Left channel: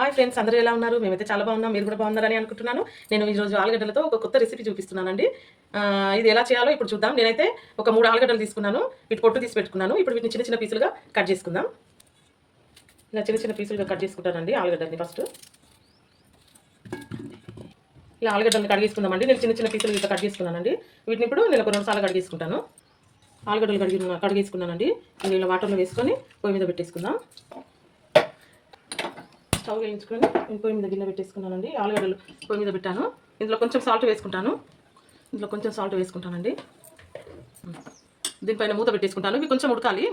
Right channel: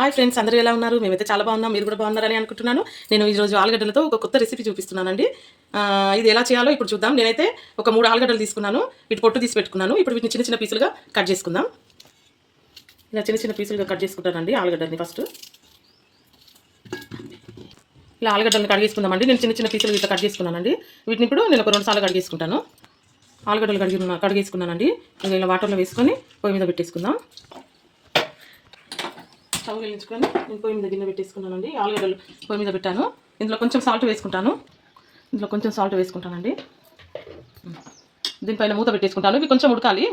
Hi friends అందరూ ఎలా ఉన్నారు? మేమైతే చాలా బాగున్నాం మీరు కూడా బాగున్నారని అనుకుంటున్నాను. నేను ఈరోజు ఆలుగడ్డలతో ఒక కొత్త రెసిపీ చూపిస్తున్నానండి. ఇది ఎలా చేయాలో ఇప్పుడు చూద్దాం. నేనైతే ఒక మూడు ఆలుగడ్డలు తీసుకున్నాను. వీటి పొట్టు తీసి పెట్టుకున్నాను. ఇప్పుడు వీటిని చిన్న చిన్న పీసులుగా కట్ చేసుకుందాం. ఇలా చిన్న చిన్న పీసులుగా కట్ చేసుకుంటానండి ఆలుగడ్డల్ని ఫస్ట్ ఇలా ఆలుగడ్డలను కడిగేసుకుందామండి నేను చిన్న చిన్న పీసులు ఇట్లా కట్ చేసుకున్నానండి. వీటిని ఇప్పుడు నేను ఒక రెండు సార్లు కడిగేసుకుంటాను ఆలుగడ్డలు కడిగి కడిగేసుకున్నానండి. ఇంకా ఇలా వాటర్లో వేసుకొని పొయ్యి మీద పెట్టేసుకుందాం. స్టవ్ వెలిగించుకొని నేను పొయ్యి మీద గిన్నె పెట్టేసుకున్నానండి. ఆలుగడ్డలు పొయ్యి మీద పెట్టాను. ఇందులో కొంచెం సాల్ట్ వేసుకుంటాను. ఇందులో కొంచెం సాల్ట్ వేసుకుంటానండి. దీనిపైన మూత పెట్టేసుకుంటాను. ఇవి కొంచెం ఉడకాలి.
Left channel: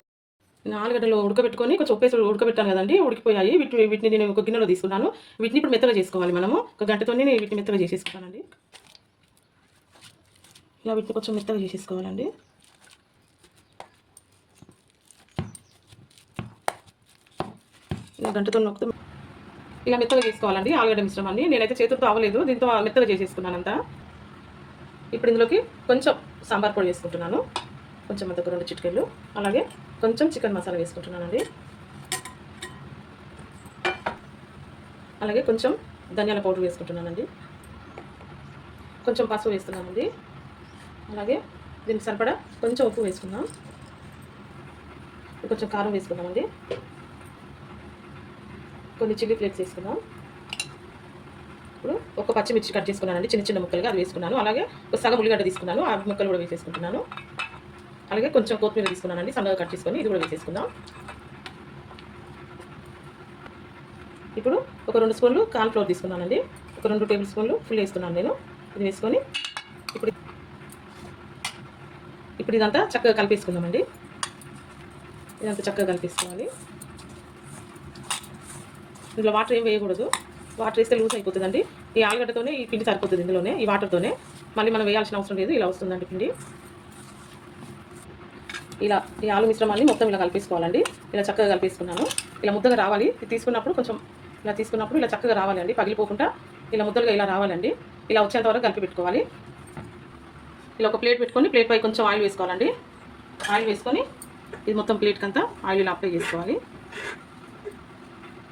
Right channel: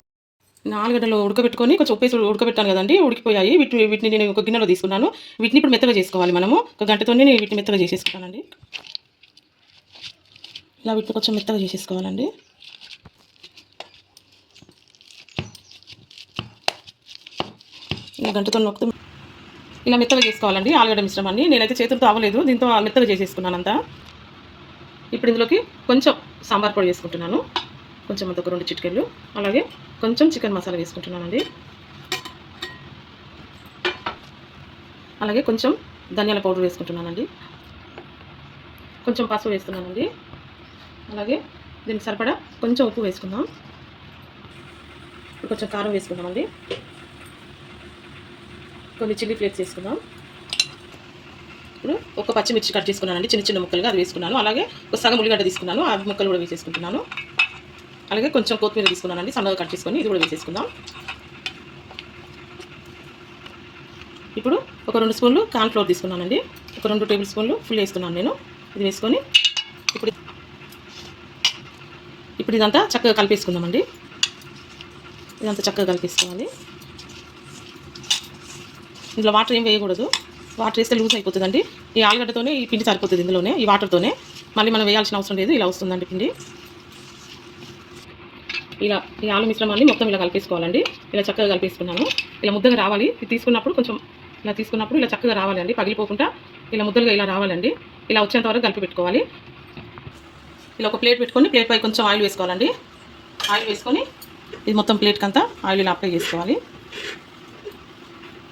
ఆలుగడ్డలు ఉడకబెట్టుకొని కొంచెం ఉప్పేసి ఉడకబెట్టాను కదండి. ఉడికిపోయాయి. వీటి వీటిని నేను ఒక గిన్నెలో తీసుకున్నాను. వీటిని ఇప్పుడు మెత్తగా చేసుకోవాలి మనము. ఒక గంటతోనే నేను వీటిని మెత్తగా చేసేసుకుంటానండి. ఇలా వీటిని కొంచెం మెత్తగా చేసేసుకోవాలండి. గంటతో నొక్కుతూ ఇలా మెత్తగా చేసుకోవాలండి ఆలుగడ్డ మిశ్రమాన్ని. నేనైతే చేతులతో అవ్వలేదు దీంతో మెత్తగా చేసేసుకున్నాను అంతా ఇప్పుడు ఇందులోకి కొంచెం సాంబార్ పొడి వేసుకుంటున్నాను. కొంచెం అంత ఒక రెండు చిటికెళ్ళు. అలాగే కొంచెం చికెన్ మసాలా వేసుకుంటున్నానండి. అలాగే కొంచెం ధనియాల పౌడర్ వేసుకుంటున్నానండి. కొంచెం పసుపు వేస్తున్నానండి అలాగే దీనికి సరిపడా కొంచెం ఉప్పు వేసుకుందాం. కొంచెం కారం వేసుకుందామండి. కొన్ని చిల్లీ ఫ్లేక్స్ వేసుకుందాం ఇప్పుడు ఒక పచ్చిమిర్చి కట్ చేసుకున్నానండి. చిన్న చిన్న ముక్కలుగా అది వేసుకున్నాను. అలాగే ఒక సగం ఉల్లిగడ్డ తీసుకున్నాను. ఆ ముక్కలు కూడా వేసేసుకుంటున్నాను. అలాగే కొంచెం కొత్తిమీర తీసుకున్నానండి. సన్నగా కట్ చేసుకొని ఇది కూడా వేసేసుకుందాం. ఇప్పుడు ఒక రెండు స్పూన్లు కార్న్ ఫ్లోర్ తీసుకున్నానండి. ఒక రెండు టేబుల్ స్పూన్లు ఫుల్ వేసుకున్నాను నేను. ఇది వేసుకొని ఇప్పుడు ఇప్పుడు ఇదంతా చక్కగా కలిపేసుకుందామండి. ఇదంతా చక్కగా కలిపేసుకోవాలి. ఇందులో వాటర్ ఏం వేయకూడదు. వాటర్ వేస్తే లూజ్ అయిపోతుందండి. ఈ ఆలుగడ్డతోనే ఈ పిండి సరిపోతుంది ఇందులోనే ఈ వాటర్తోనే మళ్ళీ మనం వేయాల్సిన అవసరం లేదు ఇలా వస్తుందండి పిండి. ఇలా ఈ ఆలు మిశ్రమాన్ని మొత్తం ఇలా కలిపేసుకోవాలండి. ఇలా చక్కగా కలిపేసుకున్నాను. ఇలా ముద్దగా రావాలి. ఇది తీసుకున్నప్పుడు కొంచెం ఇలా తీసుకున్నప్పుడు ఇలా చక్కగా రావాలండి. పగిలిపోకుండా ఇలా ముద్దలుగా ఇలా రావాలండి. ఇలా వచ్చేంత వరకు కలిపి పెట్టుకోవాలి. ఇలా ఒక ప్లేట్ పెట్టుకొని ప్లేట్ పై కొంచెం ఆయిల్ వేసుకోవాలండి. ఆయిల్ వేసుకొని ఇది మొత్తం ప్లేట్కి అంతా ఆయిల్ ఇలా అప్లై చేసుకోవాలి.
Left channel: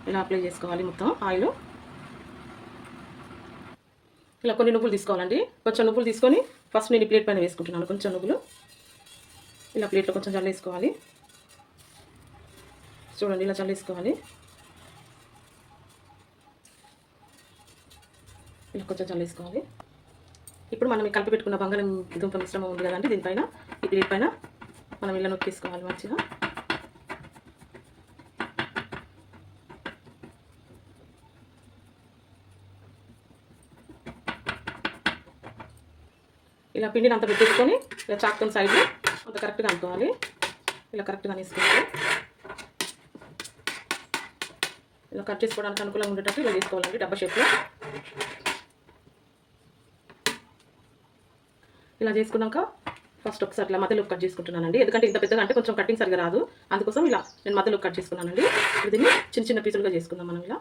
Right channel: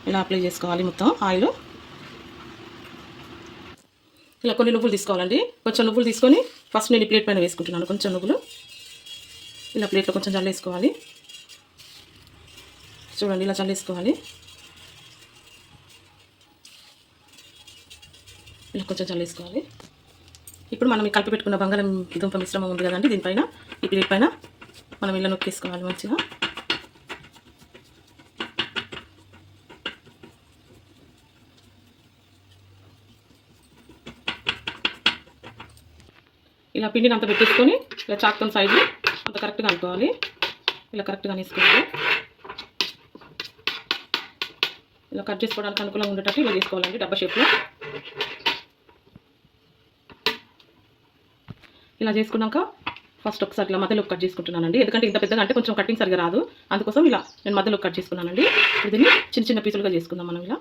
ఇలా అప్లై చేసుకోవాలి మొత్తం ఆయిల్. ఇలా కొన్ని నువ్వులు తీసుకోవాలండి. కొంచెం నువ్వులు తీసుకొని ఫస్ట్ నేను ప్లేట్ పైన వేసుకుంటున్నాను. కొంచెం నువ్వులు. ఇలా ప్లేట్లో కొంచెం చల్లేసుకోవాలి చూడండి ఇలా చల్లేసుకోవాలి ఇలా కొంచెం చల్లేసుకోవాలి ఇప్పుడు మనం కలిపి పెట్టుకున్న బంగారం దుంప మిశ్రమం ఉంది కదండి దీనిపైన. ఈ ప్లేట్ పైన మనం ఇలా నొక్కేసుకోవాలి మంచిగా. ఇలా పిండిని అంత పెట్టేసుకొని ఇలా చాక్తం సైడ్లో అంత కరెక్ట్గా అనుకోవాలి ఇలా కరెక్ట్గా వేసుకోవాలి ఇలా కట్ చేసుకోవడానికి అనుకూలంగా ఉండేటట్టు ఇలా తీసుకోవాలండి డబ్బా షేప్లో ఇలా చేసుకున్నాక ఫస్ట్ ఒకసారి ఇలా మధ్యలో కట్ చేసుకుంటున్నానండి. ఎందుకంటే ఇంత పెద్దగా అంటే కొంచెం కటింగ్ సరిగా రాదు. అందుకోసం ఇలా నేను మధ్యలో కట్ చేసుకున్నానండి. ఇప్పుడు దీన్ని చిన్న చిన్న పీసులుగా చేసుకుందాం మనం ఇలా.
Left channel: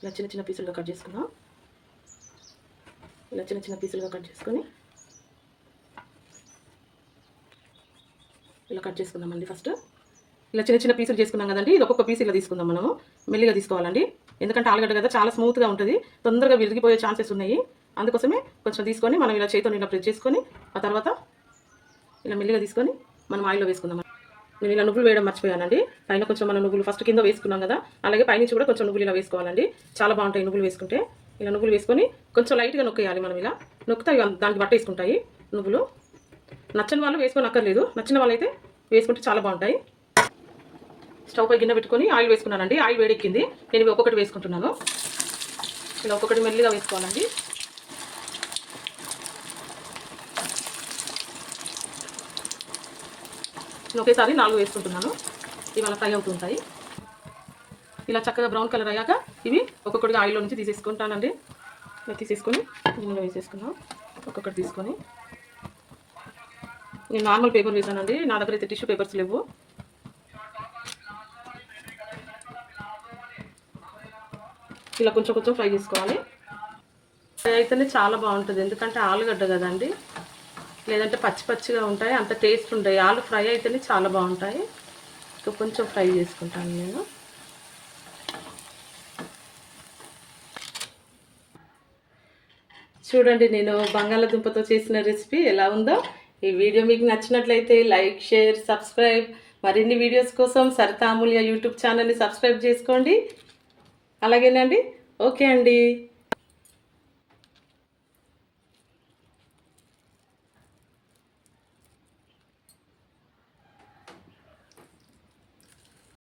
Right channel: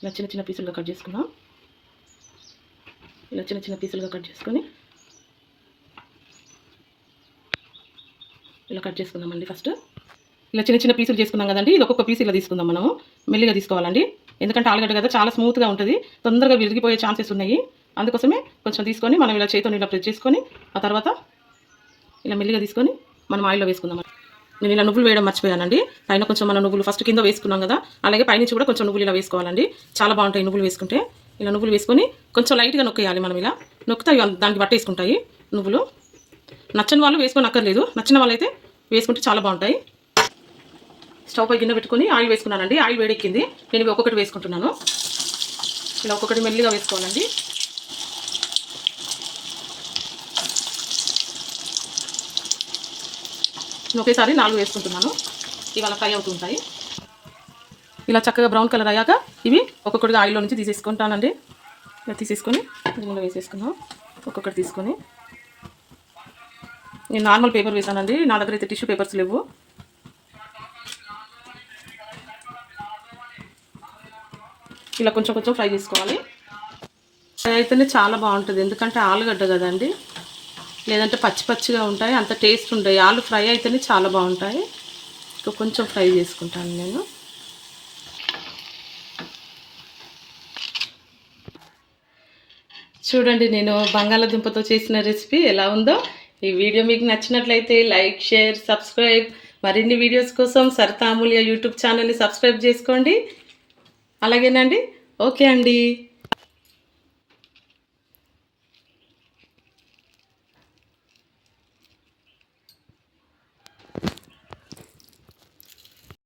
ఇలా చిన్న చిన్న పీసులుగా కట్ చేసుకుందాం. ఇలా చిన్న చిన్న పీసులుగా కట్ చేసుకొని ఇలా కట్ చేసుకుందామండి ఫస్ట్. ఇలా చిన్న చిన్న పీసులు చేసుకున్నాం కదండి ఇది ఒక్కొక్క పీస్ ఇలా తీసుకుందాం మనము. మెల్లిగా తీసుకోవాలండి. ఎందుకంటే ఆలుగడ్డ కదా చాలా స్మూత్గా ఉంటుంది. తొందరగా విరిగిపోయే ఛాన్సెస్ ఉన్నాయి. అందుకోసమే కొంచెం తీసుకొని మనం ఇలా చేతితో ఇలా ప్రెస్ చేసుకొని ఆ తర్వాత ఇలా మెల్లిగా తీసుకొని మనం ఆయిల్లో వేసుకుందాం. నేను ఇలా నువ్వులు వేయడం మర్చిపోయానండి. పైన కొంచెం మనం నువ్వులు ఫస్ట్ కింద వేసుకున్నాం కదా అలాగే పైనుంచి కూడా కొంచెం నువ్వులు ఇలా వేసుకోవాలండి. చాలా బాగుంటాయి నువ్వులు వేసుకుంటే. ఇలా నువ్వులు వేసుకొని కొంచెం లైట్గా నొక్కేయాలి మనం ఇలా. నొక్కితే దానికి బట్ట వేసుకుంటాయి నువ్వులు. నచ్చని వాళ్ళు వేసుకొని అక్కర్లేదు నచ్చిన వాళ్ళైతే వేసుకుంటే చాలా బాగుంటాయి. స్టవ్ పై గిన్నె పెట్టుకొని ఆయిల్ వేసుకున్నానండి. ఆయిల్ వేడెక్కింది. నేను ఇవి ఒక్కొక్కటి వేసుకుంటున్నాను. ఇలా ఒక్కొక్కటి మెల్లిగా వేసుకోవాలండి. నేను ఒకేసారి నాలుగు వేసుకుంటున్నాను. ఇవాళ ఫ్రై అవుతుంటాయి ఇలా చక్కగా బ్రౌన్ కలర్ అయ్యాక ఇవి ఒక్కొక్కటిగా ఆయిల్లో నుంచి తీసేసుకుంటానండి. ఇలా తీసేసుకొని గిన్నెలో వేసేసుకున్నాం ఒక్కొక్కటి తీసుకొని నేను నార్మల్ పేపర్ వేసానండి నా దగ్గర అయితే టిష్యూ పేపర్స్ లేవు. ఇలా కొంచెం కొంచెం ఫ్రై చేసుకోవాలి. ఫ్రై అయితేనే చాలా బాగుంటుంది. ఎందుకంటే ఆలుగడ్డ కదండి. లేదంటే పచ్చి పచ్చిగా ఉంటాయి. అంత టేస్ట్ ఉంటాయి ఆలు ఫ్రై అయితేనే చాలా బాగుంటాయి. కొంచెం ఫ్రై చేసుకుంటాను నేను. చూడండి నేను బంగాళాదుంపతో చేసిన రెసిపీ ఎలా ఉందో. ఈ వీడియో మీకు నచ్చినట్లయితే లైక్ షేర్ సబ్స్క్రైబ్ మరిన్ని వీడియోస్ కోసం సరితామూల్య యూట్యూబ్ ఛానల్ని సబ్స్క్రైబ్ చేసుకోండి. అలాగేనండి. ఓకే అండి.